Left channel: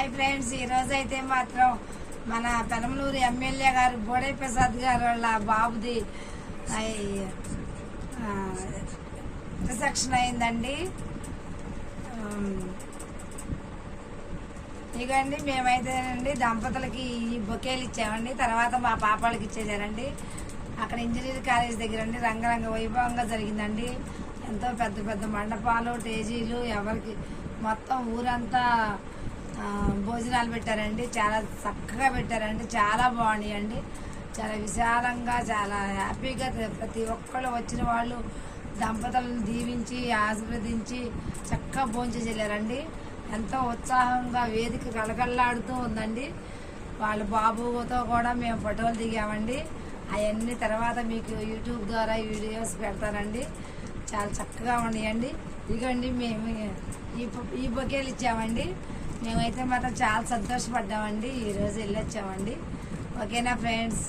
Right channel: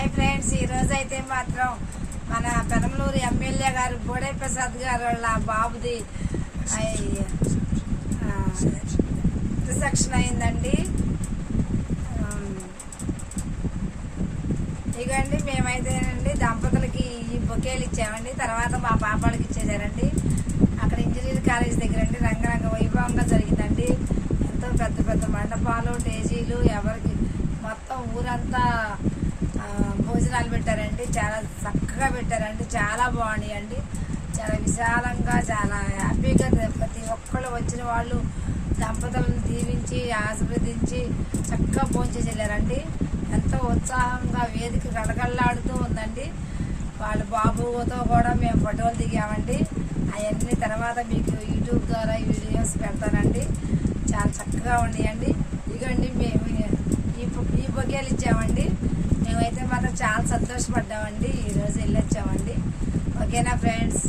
Hi friends, ఈ రోజు అయితే మాత్రం మన పెదమలూరు ఎమ్మెల్యే గారు బోడే ప్రసాద్ గారు వాళ్ళ బాబుది రిసెప్షన్ అయిందండి. ఇకండి మేమైతేనండి దంపతులకి ఈ బొకేలు ఇచ్చామండి. తర్వాత మా పాపాలకి ఇచ్చేసారండి. అక్కడ ఇంజనీరింగ్ కాలేజ్ దగ్గర అండి రంగరంగ వైభవంగా జరిగిందండి. ఎంతో పెద్ద పెద్ద మండపాలు, టేజీలు, ఎవరికి మొత్తం ఊరంతా భోజనాలు పెట్టారండి. చాలా చక్కగా పెట్టారండి. చాలా బాగున్నాయండి. చాలా విశాలంగా, చాలా హ్యాపీగా ప్రతి ఒక్కళ్ళు వచ్చిన వాళ్ళు దంపతులను దీవించి ఆశీర్వదించి చక్కగా భోంచేసి వెళ్ళారండి. ఎంతో ఉత్సాహంగా వేదిక గలగల్లాడుతూ ఉందండి. వాళ్ళ బాబుతో కూడా మేము ఫోటోలు దిగామండి. అవన్నీ తర్వాత మీకు యూట్యూబ్ ద్వారా వీడియోస్ పెడతానండి. చాలా చక్కగా ఉన్నాయండి. ఇదిగోండి మేము ఈ బొకేలు ఇచ్చామండి. మేమైతే మాత్రం చాలా సంతోషపడ్డామండి. ఈరోజు వెళ్ళొచ్చామండి. ఓకేనా ఫ్రెండ్స్?